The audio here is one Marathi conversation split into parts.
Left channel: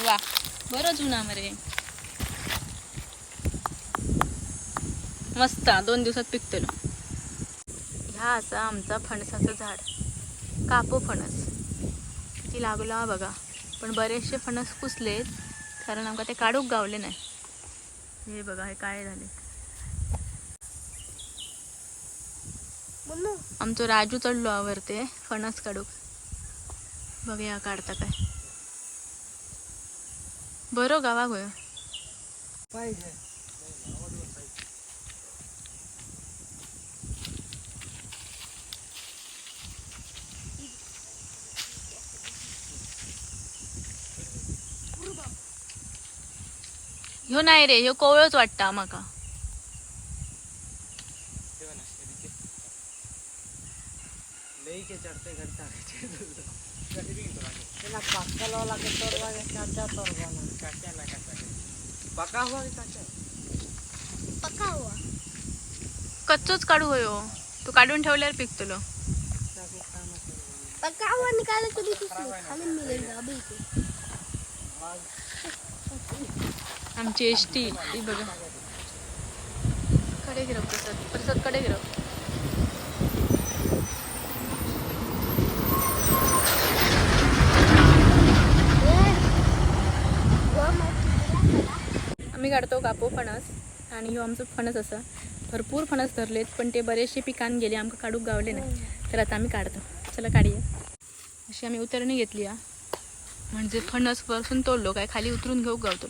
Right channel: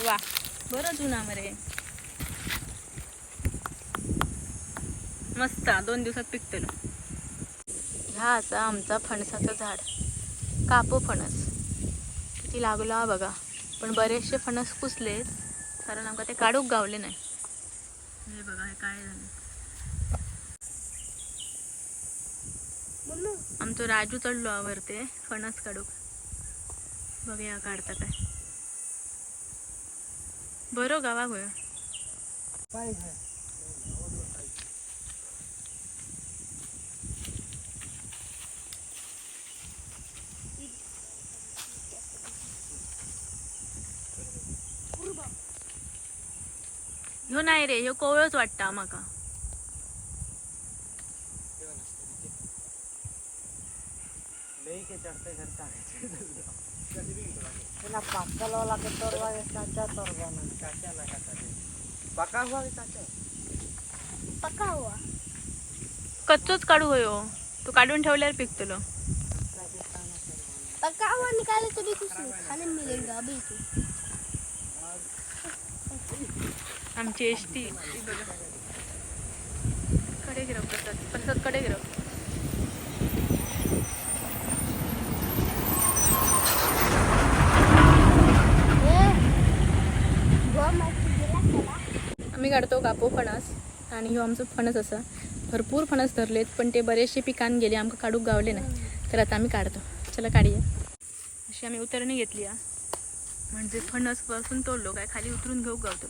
वा. बरं जुना मरे. मस्त दोन दिवसात पिकतलो ह्या असा आमचा फणसाचं झाड. कापो फणस. किती लागला हा बघा. पण बरेचसे फणस कुसलेत कारण आमका ते काढूक गावले नाही. हे बघा हे काय झाले. आमचो राजू चढलो आवरते फणस काढूक. बघूया काढता काय. बरो गावा गोय पाहिजे ह्यो नाही रे ह्यो कोवळच वाटता माका पका हुआ है काचा पका हुआ. कच्चोच काढू होयो तू काढून ठेवल्यावर पिकतलो काचा खाना तोरवा पका हुआ निकाले तो भी कुछ नहीं खाने मिलेगा अभी तो. आमची एस टी बघा. कडे गिरव प्रसाद. प्रसादकडे गिरव आम्ही काढतो कापो फणस आणि ह्यो आमचो फणस असा. भरपूर फणस धरलेत पण ते बरेचसे पिकान गेले आमकां काढूक गावले नाही. तर आता आम्ही काढतो. चला काढूया. अशी आम्ही उतरणी घेतली म्हणजे फणस वरसून तोडलो काय खाली उतरून घेऊ गावतो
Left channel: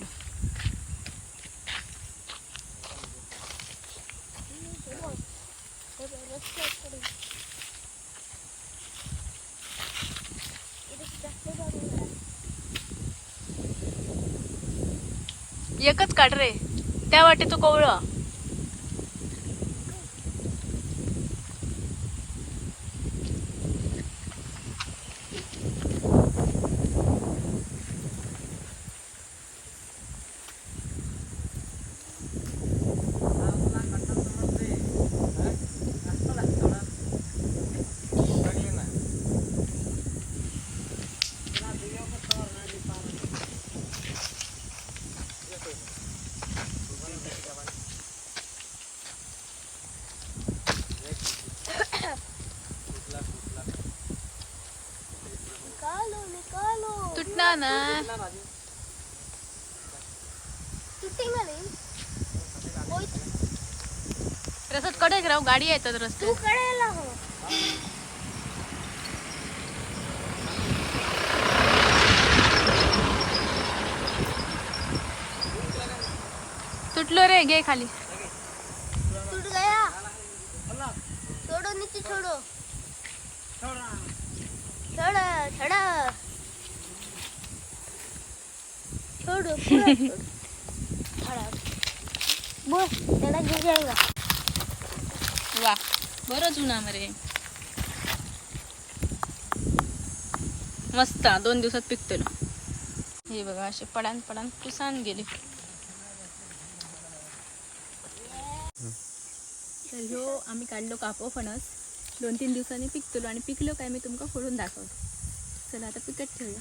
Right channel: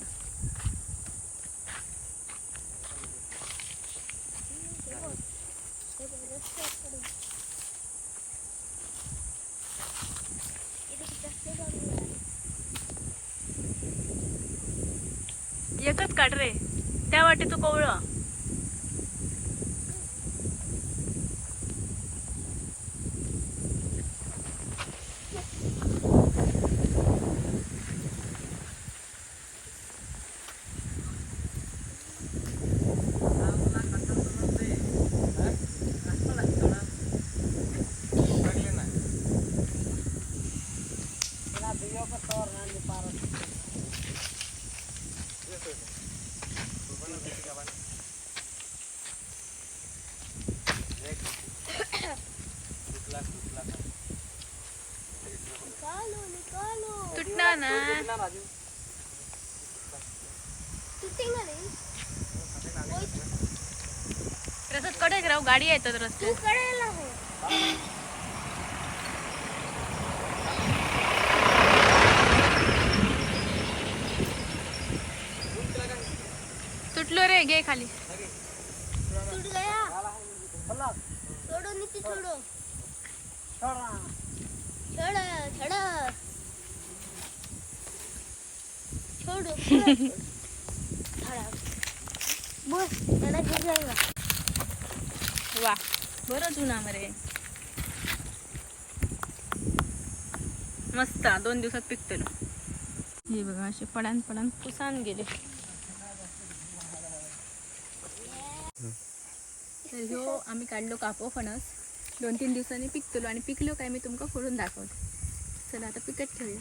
एकच काढ रे. त्या वाटे तू कोवळं. ना रस्त्यात कडे राहू गाडी येतात तू रस्त्यात कळेला हो. तुटलो रे घे खाली. टूट गया. होला छोड़ो नीचे छोड़ो छोड़ा छोड़ो छोड़ो छोड़ो बस तेरा गिर जाएगा वा बरं जुना मरे. मस्त दोन दिवसात पिकतलो हे बघा असे पडान पडान पुसान गेले. तर ह्यो आम्ही काढलो कापो फणस. दोन तीन दिवसांनी पिकतलो आणि पिकलो काय मी तुमका फोडून दाखवते. चला आता पिकत ठेवूया.